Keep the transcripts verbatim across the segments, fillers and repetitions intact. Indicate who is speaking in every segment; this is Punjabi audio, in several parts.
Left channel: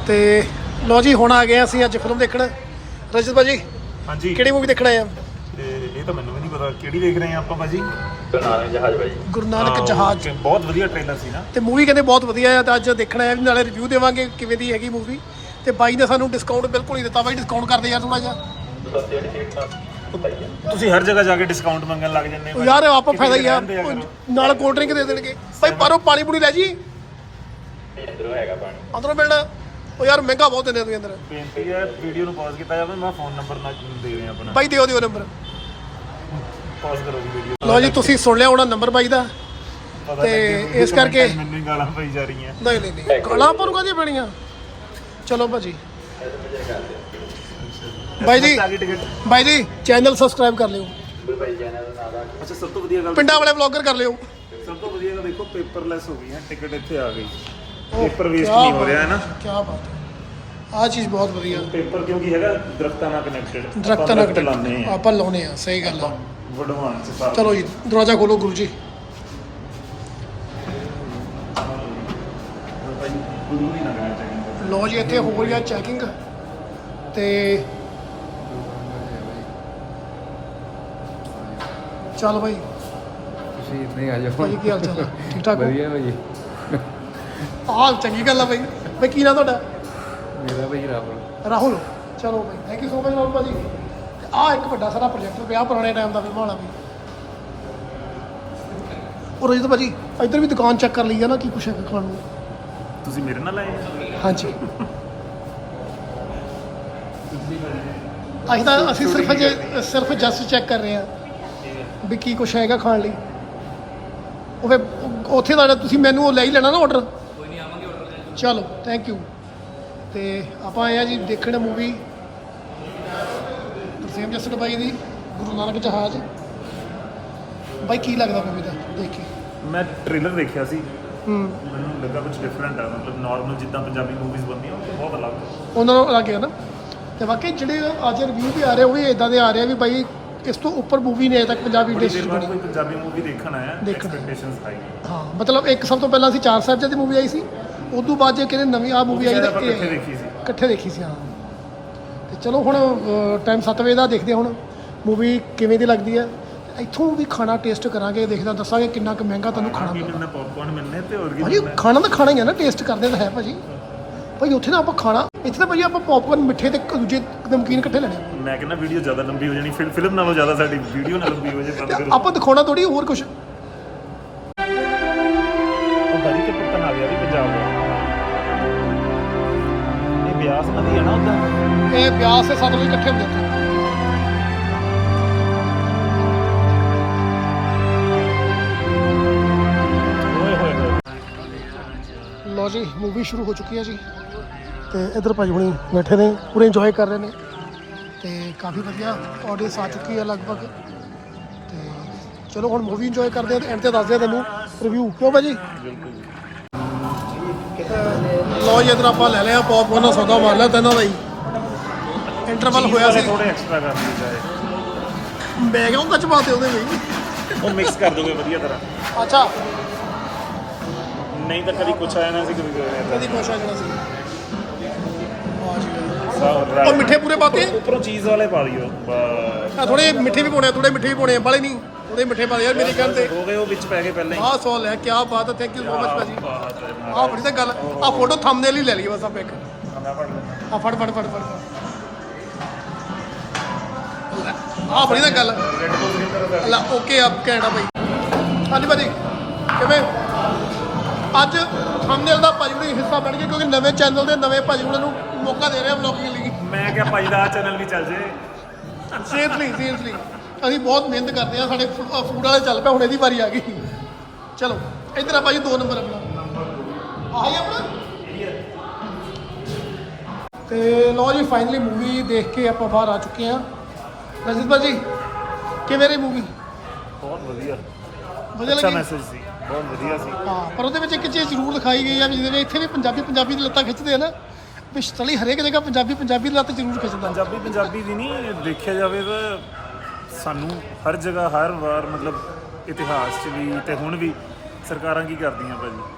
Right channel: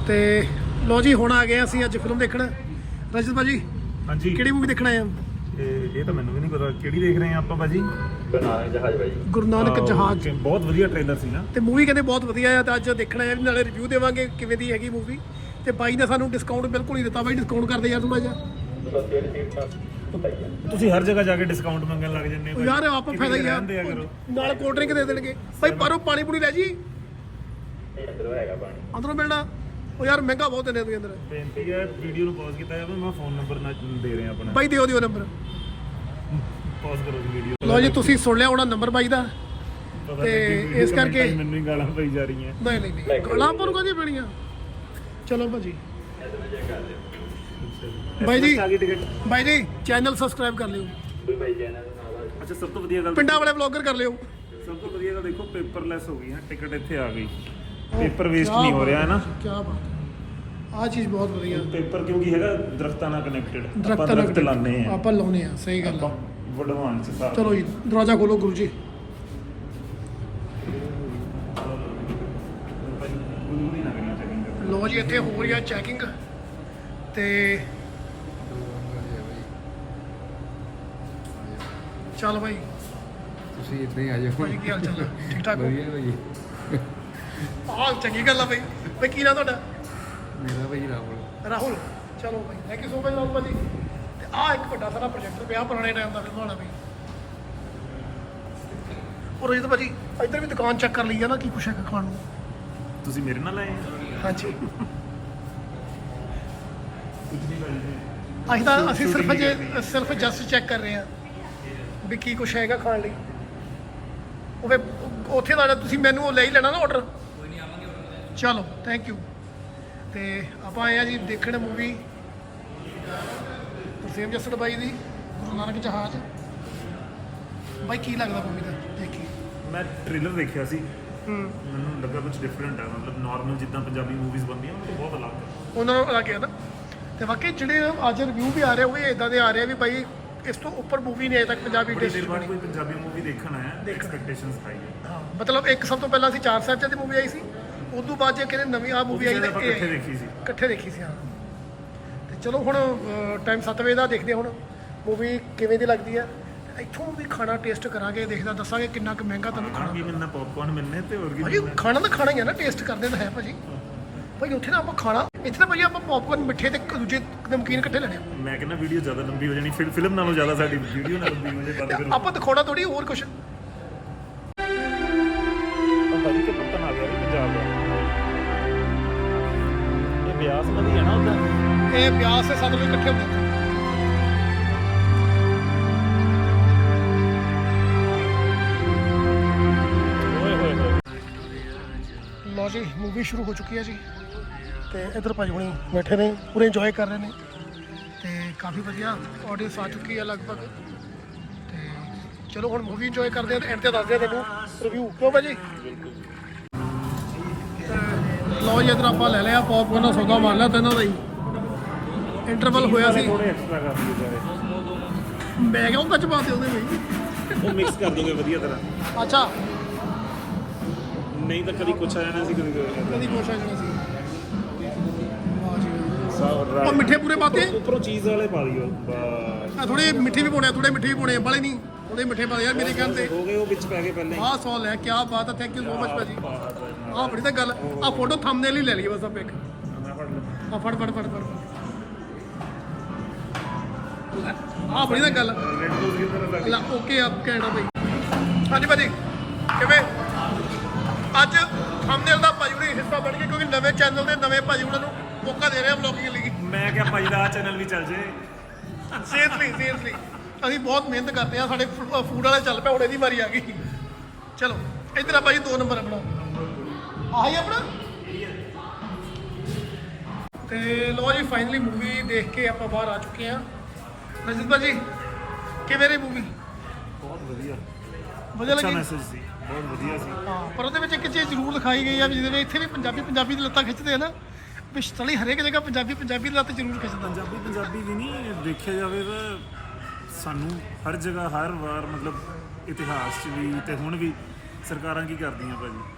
Speaker 1: ਤੇ ਲੋ ਜੀ ਹੁਣ ਆ ਗਏ ਅਸੀਂ ਅੱਜ ਫਿਲਮ ਦੇਖਣ। ਰਜਤ ਭਾਜੀ
Speaker 2: ਹਾਂਜੀ
Speaker 1: ਕਿਹੜੀ ਮੂਵੀ ਦੇਖਣ ਆਏ ਆ?
Speaker 2: ਇਹ ਤਾਂ ਮੈਨੂੰ ਵੀ ਨਹੀਂ ਪਤਾ ਕਿਹੜੀ ਦੇਖ ਰਹੇ ਆ ਆਪਾਂ ਭਾਜੀ।
Speaker 3: ਗੁਰੂ ਨਾਨਕ ਜਹਾਜ਼ ਭਾਜੀ।
Speaker 1: ਗੁਰੂ ਨਾਨਕ ਜਹਾਜ਼।
Speaker 2: ਬਹੁਤ ਵਧੀਆ ਟ੍ਰੇਲਰ ਸੀ ਨਾ
Speaker 1: ਤੇ ਮੂਵੀ ਕਹਿੰਦੇ ਬਹੁਤ ਵਧੀਆ ਆ ਤਾਂ ਅੱਜ ਦੇਖਣ ਆਏ, ਨਾਲੇ ਰਿਵਿਊ ਦੇਵਾਂਗੇ ਕਿਵੇਂ ਦੀ ਹੈਗੀ ਮੂਵੀ। ਤੇ ਬਾਈ ਨੇ ਸਾਨੂੰ ਡਿਸਕਾਊਂਟ ਬਿਲਕੁਲ ਨਹੀਂ ਦਿੱਤਾ। ਬਾਈ ਡਿਸਕਾਊਂਟ ਕਰਦੇ ਯਾਰ ਥੋੜਾ ਜਿਹਾ।
Speaker 2: ਤੁਸੀਂ ਹਰ ਜਗ੍ਹਾ ਜਾ ਕੇ ਡਿਸਕਾਊਂਟ ਮੰਗਣ ਲੱਗ ਜਾਂਦੇ ਹੋ
Speaker 1: ਯਾਰ ਆਪਾਂ ਫਾਇਦਾ ਹੀ ਆ, ਨਾਲ ਕੋਲਡ ਡਰਿੰਕ ਦੇ ਦੇਣਗੇ। ਬਾਈ ਬਾਹਰੋਂ ਪਾਣੀ ਪੂਣੀ ਲੈ ਜੀ,
Speaker 3: ਅੰਦਰੋਂ ਹੈਗਾ ਪਾਣੀ,
Speaker 1: ਅੰਦਰੋਂ ਮਿਲਣਾ। ਉਹ ਯਾਰ ਮਹਿੰਗਾ ਬਹੁਤ ਦਿੰਦੇ ਤੁਸੀਂ ਅੰਦਰ।
Speaker 2: ਬੇਨਤੀ ਹੈ ਵੀਡੀਓ ਨੂੰ ਪਾਜ਼ ਕੀਤਾ ਜਾਵੇ। ਮੈਂ ਫੋਨ ਨੰਬਰ ਨਾ ਦੇ ਰਿਹਾ ਆਪਣਾ।
Speaker 1: ਬਾਈ ਦਿਓ ਦਿਓ ਨੰਬਰ,
Speaker 2: ਪਾਜ਼ ਕਰੋ ਵੀਡੀਓ।
Speaker 1: ਲਓ ਜੀ ਤੁਸੀਂ ਸੁਣ ਲਿਆ ਹੋਣਾ ਨੰਬਰ ਬਾਈ ਦਾ। ਤੇ ਇਸ ਕਰਕੇ
Speaker 2: ਮੈਨੂੰ ਹੀ ਗਾਲਾਂ ਪਈ ਜਾ ਰਹੀਆਂ।
Speaker 1: ਨਹੀਂ ਨਹੀਂ ਨਹੀਂ ਗਾਲਾਂ ਪਰ ਕਾਹਦੀਆਂ ਪੈਣੀਆਂ। ਚਲੋ ਭਾਜੀ। ਬਾਈ ਜੀ ਬਾਈ ਜੀ ਚੈਨਲ ਸਬਸਕ੍ਰਾਈਬ ਕਰ ਲਿਓ।
Speaker 2: ਅੱਛਾ ਸਭ ਤੋਂ ਵਧੀਆ ਗੱਲ,
Speaker 1: ਪਿੰਡਾਂ ਵਾਲੇ ਵਲੌਗਰ ਕਰ ਲਿਓ।
Speaker 2: ਸਭ ਤੋਂ ਵਧੀਆ ਗੱਲ ਦੇਖੋ ਪੇਪਰਲੈਸ ਹੋ ਗਈ ਹੈ। ਟਿਕਟ ਇੱਥੇ ਆ ਗਈ, ਪੇਪਰ ਵੇਸਟ ਨਹੀਂ ਹੋ ਰਿਹਾ ਹੈ ਨਾ।
Speaker 1: ਕੀ ਬਾਤ ਹੈ, ਆਹ ਚੀਜ਼ ਬਹੁਤ ਵਧੀਆ।
Speaker 2: ਪੇਪਰ ਕਿਉਂਕਿ ਹੈਗਾ ਦਰਖਤਾਂ ਨਾਲ ਕਨੈਕਟਡ।
Speaker 1: ਦਰਖਤਾਂ ਨਾਲ
Speaker 2: ਲਾਉਂਦੇ ਆ
Speaker 1: ਆਪਾਂ ਲਾਉਨੇ ਆ। ਸਹੀ ਗੱਲ ਆ।
Speaker 2: ਵਡਵਾਨ ਚ ਸਾਰਾ।
Speaker 1: ਚਲੋ ਜੀ ਦਰਵਾਜ਼ਾ ਖੋਲੋ ਗੁਰੂ ਜੀ। ਲੋ ਜੀ ਇੱਥੇ ਹੋ ਰਹੀ ਆ ਚੈਕਿੰਗ। ਤੇ ਚੱਲ ਬਾਈ
Speaker 4: ਤੁਸੀਂ ਇੱਦਾਂ ਹੀ ਆ ਜਾਓ
Speaker 1: ਭਾਜੀ ਕੀ ਹਾਲ ਚਾਲ ਆ? ਠੀਕ ਠਾਕ ਹੋ?
Speaker 4: ਵਧੀਆ ਭਾਜੀ।
Speaker 1: ਆਹ ਚੰਗੀ ਗੱਲ ਆ ਬਾਈ। ਬਾਈ ਕੀ ਨਾਂ ਤੁਹਾਡਾ?
Speaker 4: ਮੇਰਾ ਭਾਜੀ ਰਾਹੁਲ।
Speaker 1: ਰਾਹੁਲ। ਚਲੋ bye thank you so much Rahul ਭਾਜੀ। ਆਹ ਇੱਕ ਵੱਡਾ ਸਾਰਾ ਪ੍ਰੋਜੈਕਟ ਪਿਆ ਪੁਰਾਣੇ ਟਾਈਮ ਦਾ ਫਿਲਮ ਵਾਲਾ ਵੀ। ਉਹ ਰਜਤ ਭਾਜੀ ਇੱਧਰ ਵੀ ਦੁਕਾਨ ਚੈੱਕ ਕਰ ਲਈ ਆ ਨਾ, ਕੀ ਕੁਛ ਹੈ ਖਾਣ ਨੂੰ?
Speaker 2: ਤੁਸੀਂ ਮੇਰੇ ਨਾਲ ਆਏ ਆ?
Speaker 1: ਹਾਂਜੀ ਅਸੀਂ ਤਾਂ ਅਸੀਂ ਸਿਰਫ ਜੇ ਸਿਰਫ ਜਸਟ ਚੈੱਕ ਕਰ ਰਹੇ ਹਾਂ ਵੀ ਕੀ ਕੁਛ ਹੈਗਾ ਖਾਣ ਲਈ। ਉਹ ਫਿਰ ਉੱਥੇ ਦਾ ਤੁਸੀਂ ਮੈਨੂੰ ਉਹ ਲੈ ਹੀ ਲੈਣਾ ਨਾ ਆਰਡਰ। ਕੋਈ ਨਹੀਂ ਆਵਾਂਗੇ ਆਰਡਰ। ਚਲੋ ਥੈਂਕ ਯੂ। ਤੇ ਆਪਾਂ ਆਏ ਆ ਜੀ ਦੇਖਣ ਮੂਵੀ ਤਰਸੇਮ ਜੱਸੜ ਬਾਈ ਦੀ ਗੁਰੂ ਨਾਨਕ ਜਹਾਜ਼। ਬਾਈ ਕੀ ਲੱਗਦਾ ਮੂਵੀ ਦਾ ਦੇਖ ਕੇ?
Speaker 2: ਮੈਂ ਟ੍ਰੇਲਰ ਦੇਖਿਆ ਸੀ,
Speaker 1: ਹੂੰ
Speaker 2: ਮੈਨੂੰ ਲੱਗਾ ਕੁਝ ਡਿਫਰੈਂਟ ਹੈ। ਮਤਲਬ ਨਾਰਮਲ ਜਿੱਦਾਂ ਪੰਜਾਬੀ ਮੂਵੀਜ਼ ਬਣਦੀਆਂ ਉਹ ਤੋਂ ਬਹੁਤ ਅਲੱਗ ਹੈ।
Speaker 1: ਉਹਨਾਂ ਨੂੰ ਲੱਗ ਗਿਆ ਨਾ। ਤੇ ਵਾਕਈ ਜਿਹੜੇ ਅੱਜ ਰਿਵਿਊ ਵੀ ਆ ਰਹੇ ਉਹ ਵੀ ਇਦਾਂ ਦੇ ਆ ਰਹੇ ਆ ਵੀ ਬਾਈ ਇਸ ਤੋਂ ਉੱਪਰ ਮੂਵੀ ਨਹੀਂ ਅਜੇ ਤੱਕ ਪੰਜਾਬੀ
Speaker 2: ਬੜੀ ਦੇਰ
Speaker 1: ਇੰਡਸਟਰੀ
Speaker 2: ਬਾਅਦ
Speaker 1: ਬਣੀ।
Speaker 2: ਕੋਈ ਪੰਜਾਬੀ ਮੂਵੀ ਦੇਖਣ ਆਇਆ,
Speaker 1: ਦੇਖਣ।
Speaker 2: ਐਕਸਪੈਕਟੇਸ਼ਨਸ ਹਾਈ ਹੈ।
Speaker 1: ਹਾਂ ਮਤਲਬ ਇੱਕ ਸਭ ਤੋਂ ਪਹਿਲਾਂ ਅਸੀਂ ਚਾਰ ਸਾਹਿਬਜ਼ਾਦੇ ਦੀ ਮੂਵੀ ਆਈ ਸੀ, ਉਸ ਤੋਂ ਬਾਅਦ ਜੇ ਕਹਿੰਦੇ ਨਵੀਂ ਆ ਮੂਵੀ ਆਈ
Speaker 2: ਸ਼ਾਇਦ
Speaker 1: ਤੇ
Speaker 2: ਆਪਾਂ
Speaker 1: ਇਹ-
Speaker 2: ਇਕੱਠੇ ਦੇਖੀ ਸੀ।
Speaker 1: ਇਕੱਠੇ ਦੇਖੀ ਸੀ ਹਾਂ। ਤੇ ਚਲੋ ਹੁਣ ਟਾਈਮ ਸੱਤ ਵਜੇ ਦਾ ਦੇਖਦੇ ਹਾਂ ਹੁਣ ਮੂਵੀ ਕਿਵੇਂ ਦੀ ਲੱਗਦੀ ਆ। ਇੱਥੋਂ ਵੀ ਖਾਣਾ ਟੇਸਟ ਕਰਾਂਗੇ, ਦੇਖਦਾ ਦੱਸਾਂਗੇ ਕਿੰਨਾ ਕੁ ਮਹਿੰਗਾ ਤੁਹਾਨੂੰ
Speaker 2: ਖਾਣਾ
Speaker 1: ਖਾਣਾ
Speaker 2: ਕੀ
Speaker 1: ਪੈਂਦਾ।
Speaker 2: ਮਿਲਣਾ, ਪੌਪਕਾਰਨ ਮਿਲਣੇ ਤੇ ਹੋਰ ਕੀ
Speaker 1: ਭਾਜੀ
Speaker 2: ਮਿਲਣਾ।
Speaker 1: ਖਾਣਾ ਤਾਂ ਖਾਣਾ ਹੀ ਆ ਨਾ, ਟੇਸਟ ਕਰਦੇ ਤਾਂ ਹੈ ਭਾਜੀ। ਭਾਈ ਉੱਥੇ ਨਾ ਆਪਾਂ ਖਾਣਾ, ਇੱਥੇ ਤਾਂ ਭਾਜੀ ਆਪਾਂ ਪੌਪਕਾਰਨ ਮਿੱਠੇ ਤੇ ਦੂਜੇ ਨਮਕੀਨ ਇਕੱਠੇ ਲੈਣੇ ਆ।
Speaker 2: ਮੈਂ ਕਹਿੰਦਾ ਵੀਡੀਓ ਜ਼ਿਆਦਾ ਲੰਬੀ ਹੋ ਜਾਣੀ, ਫਿਲ- ਫਿਲਮ ਨਾਲੋਂ ਜ਼ਿਆਦਾ ਸਾਡੀ ਵੀਡੀਓ ਨਾ ਲੰਬੀ ਹੋ ਜਾਏ। ਬੰਦ ਕਰੋ।
Speaker 1: ਆਪਾਂ ਦਿਖਾਉਣਾ ਥੋੜੀ ਹੋਰ ਕੁਝ।
Speaker 2: ਇਹ ਬਿਆਸ ਨਦੀ ਹੈ ਨਾ,
Speaker 1: ਇਹ ਬਿਆਸ ਤੇ ਸਤਲੁਜ ਇਕੱਠੇ ਹੁੰਦੇ ਉੱਥੇ। ਲੋ ਜੀ ਮੂਵੀ ਸ਼ੁਰੂ ਹੋ ਚੁੱਕੀ ਹੈ ਜੀ। ਤੇ ਇਧਰ ਭਾਜੀ ਹੁਣੀ ਬੈਠੇ ਨੇ, ਪੂਰੇ ਇੰਜੋਏ ਕਰ ਰਹੇ ਨੇ। ਤੇ ਕਾਫੀ ਵਧੀਆ ਆਡੀਅנס ਆ ਚੁੱਕੀ ਹੈ ਲਗਭਗ। ਤੇ ਚਲੋ ਹੁਣ ਮੂਵੀ ਇੰਜੋਏ ਕਰਦੇ ਆ ਤੇ ਐਂਡ ਤੇ ਦੱਸਦੇ ਆ ਤੈਨੂੰ ਰਿਵਿਊ। ਕਿਉਂ ਭਾਜੀ? ਲੋ ਜੀ ਇਧਰ ਆਪਾਂ ਲੈ ਲਿਆ ਪੌਪਕਾਰਨ ਦਾ ਸੌਦਾ ਮਾਰ ਲਿਆ ਤੈਨਾਂ ਬਾਈ। ਇੰਟਰਵਲ ਹੋਇਆ ਸੀ,
Speaker 2: ਐਕਸਟਰਾ ਕਰਨਾ
Speaker 1: ਮੈਂ ਕਿਹਾ ਉਹ ਕੱਚ ਪਾਤੇ ਉਹਦੇ ਬਈ।
Speaker 2: ਚਾਹੀਦਾ। ਉਹ ਮਿਕਸ ਕਰ ਦੋਗੇ ਵਧੀਆ ਤਰ੍ਹਾਂ,
Speaker 1: ਅੱਛਾ
Speaker 2: ਨਹੀਂ ਤਾਂ ਕਦੀ ਕੁਛ ਆਇਆ ਨਾ ਸੀ ਕਦੀ ਕੁਛ ਆਇਆ
Speaker 1: ਕਦੀ ਖੁਸ਼ ਆ ਜਾਣਾ ਸੀ। ਵਾਹ ਜੀ ਵਾਹ।
Speaker 2: ਨਾ।
Speaker 1: ਉਹ ਮਿੱਠੇ ਪੂਰੇ ਪਾਤੇ
Speaker 2: ਉੱਪਰੋਂ ਚੀਜ਼ ਵਾਲੇ ਪਾ ਲਿਓ। ਬਸ।
Speaker 1: ਆ ਥੋੜੇ ਮਿੱਠੇ ਵੀ ਪਾਉਣੇ, ਥੋੜੇ ਮਿੱਠੇ ਵੀ ਪਾਉਣੇ, ਬਾਲੇ ਨਹੀਂ ਥੋੜੇ ਮਿੱਠੇ ਪਾ ਦੇ ਯਾਰ ਮੇਰੀ ਕਹਿਣ ਤੇ।
Speaker 2: ਹੋ ਗਏ ਉਹ ਵਿੱਚ ਪੈ ਗਏ ਪਹਿਲਾਂ ਹੀ।
Speaker 1: ਆਹ ਸੌ ਲੈ, ਕੀ ਬਾਤ ਹੈ, ਥੈਂਕ ਯੂ ਸੋ ਮਚ ਭਾਜੀ। ਆਹ ਬੜੀ ਤਾਂ ਗੱਲ, ਆਹ ਫੋਟੋ ਥੰਬਨੇਲ ਹੀ ਲੈ ਲਈਏ ਬਸ ਆਪਾਂ ਇੱਕ। ਆ ਫੜ ਫੜ ਫੜ ਫੜ ਆਹ ਬੜੀ ਤਾਂ ਗੱਲ। ਅੱਲਾ ਓਕੇ ਆਪ ਕਹਿਣਾ ਭਾਈ। ਹਾਂਜੀ ਭਾਜੀ ਕਿਵੇਂ? ਅੱਜ ਥੰਬਨੇਲ ਦਾ ਭਾਜੀ ਹੁਣੀ ਹਿੱਸਾ ਬਣ ਗਏ ਕਿਉਂਕਿ ਨਵੇਂ ਚੈਨਲ ਦੇ ਨਵੇਂ ਭਾਜੀ ਹੁਣਾਂ ਨੂੰ ਮੌਕਾ ਦੇ ਰਹੇ ਆ ਵਲੌਗਿੰਗ ਲਈ।
Speaker 2: ਮੈਂ ਕਿਹਾ ਭਾਈ ਦਾ ਚੈਨਲ ਵੀ ਚੱਲ ਜੇ।
Speaker 1: ਸੀਰੀਅਸਲੀ ਸੀਰੀਅਸਲੀ ਅਸੀਂ ਬਹੁਤ ਮਿਹਨਤ ਕਰਦੇ ਆ। ਸਾਡੇ ਫੂਡ ਵਾਲੇ ਚੱਲ ਪਿਆ, ਹੁਣ ਇਹਦੀ ਵਾਰੀ ਆ ਗਈ। ਚਲੋ ਇੱਧਰ ਆ ਭਾਜੀ ਦੋ ਨੰਬਰ ਆਪਣਾ ਆਹੀ ਆਪਣਾ। ਤੇ ਲਓ ਜੀ ਫਾਈਨਲੀ ਮੂਵੀ ਦੇਖ ਕੇ ਆਪਾਂ ਬਾਹਰ ਆ ਚੁੱਕੇ ਆ। ਰਜਤ ਭਾਜੀ ਕਿਵੇਂ ਰਹੀ ਮੂਵੀ?
Speaker 2: ਬਹੁਤ ਵਧੀਆ,
Speaker 1: ਵਧੀਆ
Speaker 2: ਅੱਛਾ
Speaker 1: ਲੱਗੀ?
Speaker 2: ਮੈਸੇਜ ਸੀ, ਬਹੁਤ ਵਧੀਆ ਸੀ।
Speaker 1: ਹਾਂ ਪਰ ਉਹਦੇ ਵਿੱਚ ਇੱਕ ਚੀਜ਼ ਜ਼ਰੂਰ ਦਿਖਾਈ ਗਈ ਆ ਵੀ ਜਿਹਦੇ ਵਿੱਚ ਇੱਥੇ ਵੀ ਪੰਜਾਬੀ ਪੰਜਾਬੀ ਦੀ ਲੱਤਾਂ ਖਿੱਚਦੇ ਆ ਨਾ, ਪਿਛਤਲੀ ਹਰੇਕ ਜਗ੍ਹਾ ਪੰਜਾਬੀ ਪੰਜਾਬੀ ਦੀ ਲੱਤ ਜ਼ਰੂਰ ਖਿੱਚਦਾ।
Speaker 2: ਪੰਜਾਬੀ ਪੰਜਾਬੀ ਦੀ ਨਹੀਂ ਦੇਖਿਆ ਜਾਵੇ ਤਾਂ ਸਾਨੂੰ ਹਰ ਜਗ੍ਹਾ ਹਰ ਵਾਰ ਮਤਲਬ ਇਤਿਹਾਸ 'ਚ ਵੀ ਤੇ ਹੁਣ ਵੀ ਸਰਕਾਰਾਂ ਕੀ ਕਰਦੀਆਂ ਭਾਜੀ,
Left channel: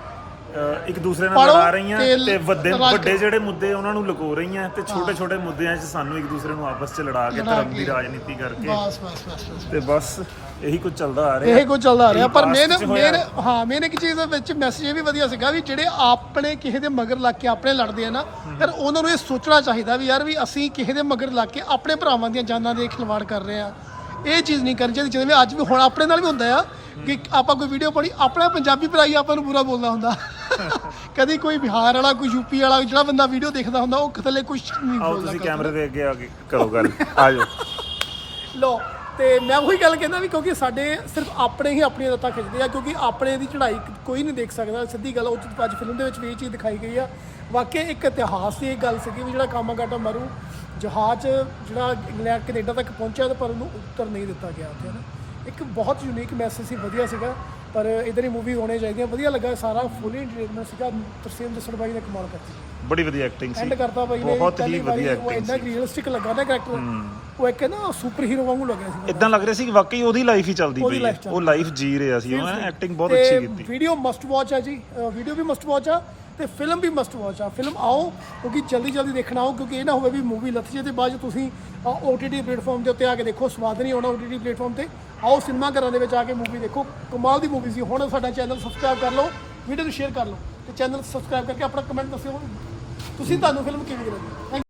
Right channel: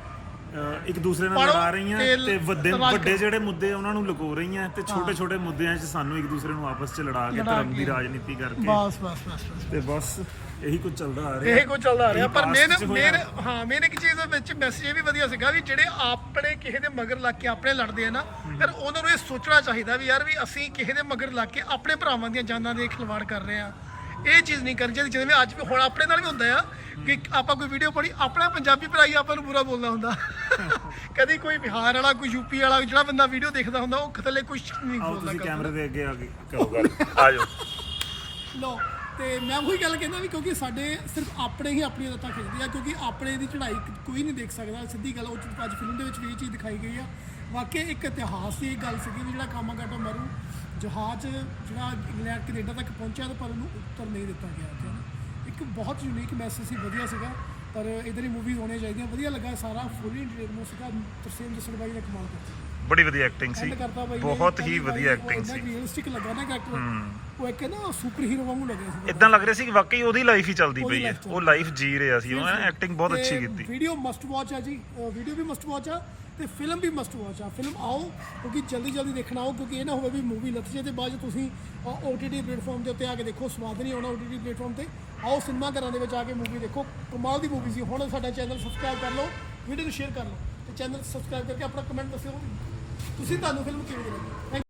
Speaker 2: ਅਹ ਇੱਕ ਦੂਸਰੇ ਨਾਲ
Speaker 1: ਪਾੜੋ
Speaker 2: ਲੜਾ ਰਹੀਆਂ
Speaker 1: ਤੇ
Speaker 2: ਤੇ ਵੱਡੇ
Speaker 1: ਰਾਜ
Speaker 2: ਵੱਡੇ
Speaker 1: ਕਰੋ।
Speaker 2: ਜਿਹੜੇ ਮੁੱਦੇ ਉਹਨਾਂ ਨੂੰ ਲੁਕੋ ਰਹੀਆਂ ਤੇ ਛੋਟੇ ਛੋਟੇ ਮੁੱਦਿਆਂ 'ਚ ਸਾਨੂੰ ਇੱਕ ਦੂਸਰੇ ਨੂੰ ਆਪਸ 'ਚ ਲੜਾ ਕੇ
Speaker 1: ਲੜਾ
Speaker 2: ਧਰਮ ਦੀ
Speaker 1: ਕੇ।
Speaker 2: ਰਾਜਨੀਤੀ ਕਰਕੇ
Speaker 1: ਬਸ ਬਸ ਬਸ ਬਸ
Speaker 2: ਤੇ ਬਸ ਇਹੀ ਕੁਝ ਚੱਲਦਾ ਆ ਰਿਹਾ
Speaker 1: ਇਹ ਕੁਝ ਚੱਲਦਾ ਆ ਰਿਹਾ
Speaker 2: ਇਹੀ
Speaker 1: ਪਰ
Speaker 2: past
Speaker 1: ਮੇਨ
Speaker 2: 'ਚ ਹੋਇਆ।
Speaker 1: ਮੇਨ ਹਾਂ ਮੇਨ ਇੱਕ ਚੀਜ਼ ਦੇ ਵਿੱਚ ਮੈਸੇਜ ਇਹ ਵੀ ਵਧੀਆ ਸੀਗਾ ਵੀ ਜਿਹੜੇ ਆਪਣੇ ਕਿਸੇ ਦੇ ਮਗਰ ਲੱਗ ਕੇ ਆਪਣੇ ਲੜਦੇ ਆ ਨਾ ਫਿਰ ਉਹਨਾਂ ਨੂੰ ਇਹ ਸੋਚਣਾ ਚਾਹੀਦਾ ਵੀ ਯਾਰ ਵੀ ਅਸੀਂ ਕਿਸੇ ਦੇ ਮਗਰ ਲੱਗ ਕੇ ਆਪਣੇ ਭਰਾਵਾਂ ਦੀਆਂ ਜਾਨਾਂ ਦੇ ਖਿਲਵਾੜ ਕਰ ਰਹੇ ਆ ਇਹ ਚੀਜ਼ ਨਹੀਂ ਕਰਨੀ ਚਾਹੀਦੀ। ਜਿਵੇਂ ਅੱਜ ਵੀ ਹੁਣ ਆਪਣੇ ਨਾਲ ਵੀ ਹੁੰਦਾ ਆ ਕਿ ਆਪਾਂ ਕੋਈ ਵੀਡੀਓ ਪਾਉਣੀ ਆਪਣਾ ਪੰਜਾਬੀ ਭਰਾ ਹੀ ਆਪਾਂ ਨੂੰ ਬੁਰਾ ਬੋਲਦਾ ਹੁੰਦਾ ਕਦੀ ਕੋਈ ਬਿਹਾਰ ਵਾਲਾ ਕੋਈ ਯੂਪੀ ਵਾਲਾ ਜਿਹੜਾ ਬੰਦਾ ਵੀਡੀਓ ਦੇਖਦਾ ਹੁੰਦਾ ਉਹ ਥੱਲੇ ਕੁਝ ਨਹੀਂ
Speaker 2: ਆਓ
Speaker 1: ਬੋਲਦਾ
Speaker 2: ਤੁਸੀਂ ਕੈਮਰੇ ਦੇ ਅੱਗੇ ਆ ਕੇ ਕਰੋ ਗੱਲ ਆ ਜਾਓ
Speaker 1: ਲੋ ਤੇ ਮੈਂ ਉਹੀ ਗੱਲ ਕਹਿੰਦਾ ਵੀ ਕਿਉਂਕਿ ਸਾਡੇ ਸਿਰਫ ਆਪਣੇ ਹੀ ਆਪਣੀਆਂ ਲੱਤਾਂ ਖਿੱਚਦੇ ਆ ਕਿਉਂਕਿ ਆਪਣੇ ਦੀ ਚੜ੍ਹਾਈ ਕੋਈ ਨਹੀਂ ਦੇਖ ਸਕਦਾ ਸਿੱਧੀ ਗੱਲ ਉਹ 'ਚ ਅੱਜ ਫਿਲਮ ਦੇ ਵਿੱਚ ਵੀ ਇਹ ਚੀਜ਼ ਦਿਖਾਈ ਗਈ ਆ ਵਾਕਈ ਇੱਕ ਇਤਿਹਾਸ ਦੀ ਇਹ ਗੱਲ ਸੀਗੀ ਵੀ ਜਿਹੜਾ ਕਾਮਾਗਾਟਾ ਮਾਰੂ ਜਹਾਜ਼ ਜਿਹੜਾ ਇੰਗਲੈਂਡ ਕੈਨੇਡਾ ਤੱਕ ਪਹੁੰਚਿਆ ਤੇ ਪਰ ਉਹਨੂੰ ਉੱਤਰ ਨਹੀਂ ਦਿੱਤਾ ਗਿਆ ਉੱਥੇ ਨਾ ਇੱਕ ਬਹੁਤ ਯੂਨੀਕ ਮੈਸੇਜ ਸੀ ਵਧੀਆ ਸੀਗਾ ਪਰ ਇਧਰ ਹੀ ਮੂਵੀ ਹੋਣੇ ਚਾਹੀਦੀਆਂ ਵਧੀਆ ਲੱਗਾ ਸਾਰਾ ਫੁੱਲੀ ਐਂਟਰਟੇਨਮੈਂਟ ਸੀਗਾ ਤਰਸੇਮ ਜੱਸੜ ਬਾਈ ਨੇ ਕਮਾਲ ਕਰਤੀ
Speaker 2: ਬੜੀ ਵਧੀਆ ਐਕਟਿੰਗ ਸੀ
Speaker 1: ਐਂਡ ਕਰਤਾ ਬਾਈ ਨੇ
Speaker 2: ਬਹੁਤ ਹੀ
Speaker 1: ਪਹਿਲੀ ਵਾਰੀ
Speaker 2: ਵਧੀਆ
Speaker 1: ਉਹ
Speaker 2: ਐਕਟਿੰਗ
Speaker 1: ਇੰਨਾ
Speaker 2: ਸੀ
Speaker 1: ਰੀਅਲਿਸਟਿਕ ਲੱਗਾ ਨਾ ਕੈਰੈਕਟਰ ਉਹ ਇੱਕ ਨਾ ਸੁਪਰ ਹੀਰੋ ਵਾਂਗੂ ਲੱਗਿਆ ਸੀ
Speaker 2: ਇਦਾਂ ਲੱਗ ਰਿਹਾ ਸੀ ਕਿ ਵਾਕਈ ਉਹਦੀ ਲਾਈਫ ਹੀ ਚੱਲਦੀ
Speaker 1: ਉਹਦੀ
Speaker 2: ਪਈ ਹੈ
Speaker 1: life ਚੱਲਦੀ
Speaker 2: ਉਹ ਲਾਈਫ ਜੀ ਰਿਹਾ ਸੀ ਉਹ ਐਕਟਿੰਗ ਬਹੁਤ
Speaker 1: ਤੇ
Speaker 2: ਅੱਛੀ ਕੀਤੀ
Speaker 1: ਵੀਡੀਓ ਮਸਟ ਵਾਚ ਆ ਜੀ ਵੀਡੀਓ ਵੀ ਮਸਟ ਵਾਚ ਆ ਤੇ ਫਿਲਮ ਵੀ ਮਸਟ ਵਾਚ ਆ ਫਿਲਮ ਆਓ ਕਿਉਂਕਿ ਜਲਦੀ ਜਲਦੀ ਦੇਖਣਾ ਆਓ ਕਿਉਂਕਿ ਇਹ ਨਾ ਹੋਵੇ ਵੀ ਮੂਵੀ ਲੱਥ ਜੇ ਤੇ ਬਾਅਦ 'ਚ ਤੁਸੀਂ ਓਟੀਟੀ ਪਲੇਟਫਾਰਮ ਦੇ ਉੱਤੇ ਆ ਕੇ ਦੇਖੋ ਸਵਾਦ ਨਹੀਂ ਆਉਣਾ ਓਟੀਟੀ ਪਲੇਟਫਾਰਮ ਤੇ ਆਓ ਸਿਨੇਮਾ ਘਰਾਂ ਦੇ ਵਿੱਚ ਆ ਕੇ ਮੂਵੀ ਦੇਖੋ ਕਮਾਲ ਦੀ ਮੂਵੀ ਸੀ ਹੁਣ ਸਾਡਾ ਚੈਨਲ ਸਬਸਕ੍ਰਾਈਬ ਕਰ ਲਓ ਵੀਡੀਓ ਨੂੰ ਸ਼ੇਅਰ ਕਰ ਲਓ ਤੇ ਚੈਨਲ ਸਬਸਕ੍ਰਾਈਬ ਕਰਕੇ ਆਪਣਾ ਕਮੈਂਟ ਦੱਸਿਓ ਤੁਸੀਂ ਤੁਹਾਨੂੰ ਫਿਲਮ ਕਿਵੇਂ ਲੱਗੀ ਥੈਂਕ